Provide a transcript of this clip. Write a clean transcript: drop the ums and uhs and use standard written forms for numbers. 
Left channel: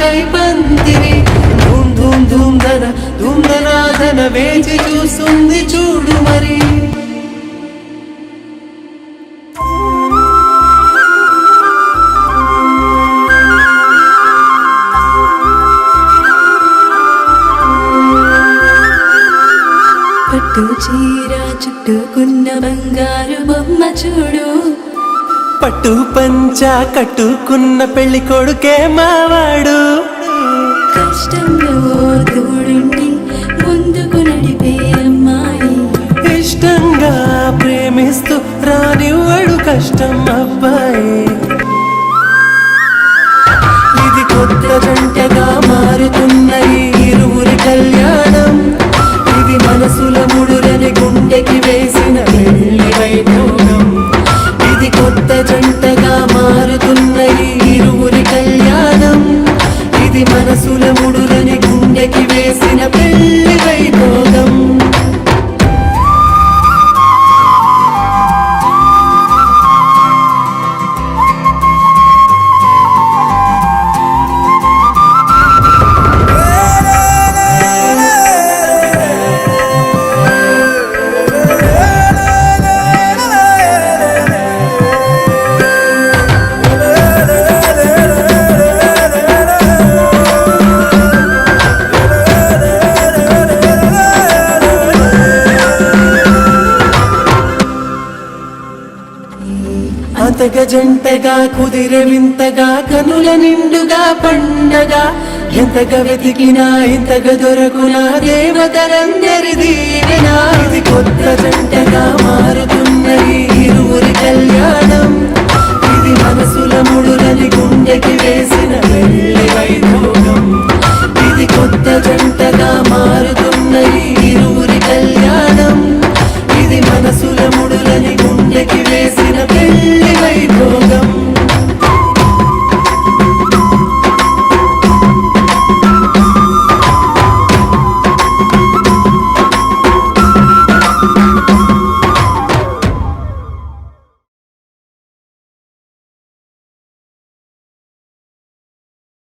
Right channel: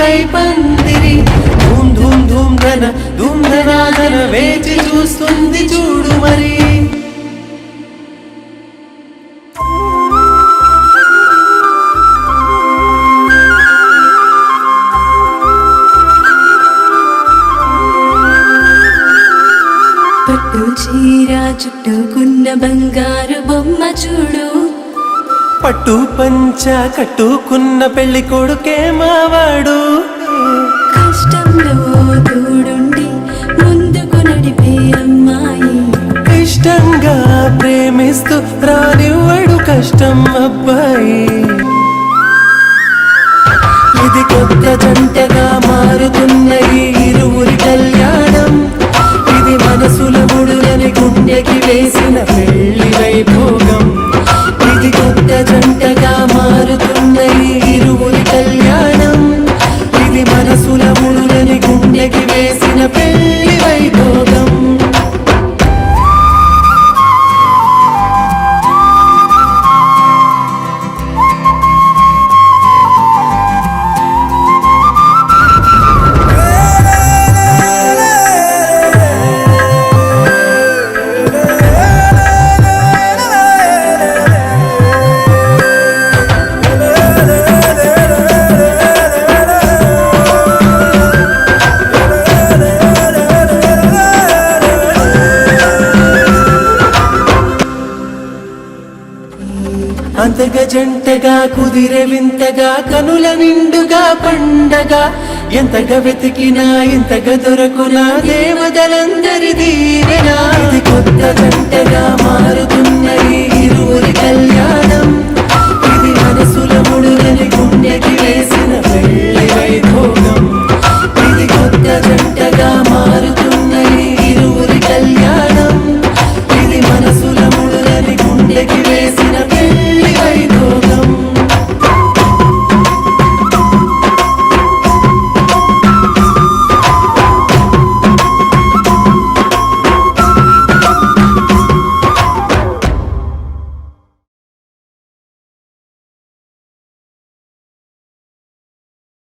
పెళ్లికై పందిరి ధూమ్ ధూమ్ ధూమ్ ధన ధూమ్ ధనాధన వేచి చూస్తుంది చూడు మరి. పట్టు చీర చుట్టుకున్న బంగారు బొమ్మ చూడు, పట్టు పంచ కట్టుకున్న పెళ్లి కొడుకే మావాడు. కష్టంలో తోడుండి ముందుకు నడిపే అమ్మాయి, ఇష్టంగా ప్రేమిస్తూ రానివ్వడు కష్టం అబ్బాయి. ఇది కొత్త జంటగా మారుతున్న ఈ ఇరువురి కళ్యాణం, ఇది మనసుల ముడులని గుండెకి వేసిన పెళ్లి వైభోగం. ఇది కొత్త జంటగా మారుతున్న ఈ ఇరువురి కళ్యాణం, ఇది మనసుల ముడులని గుండెకి వేసిన పెళ్లి వైభోగం. అంతగా జంటగా కుదిరే వింతగా కనుల నిండుగా పండగా, ఎంతగా వెతికినా ఇంతగా దొరకునా దేవతలందరి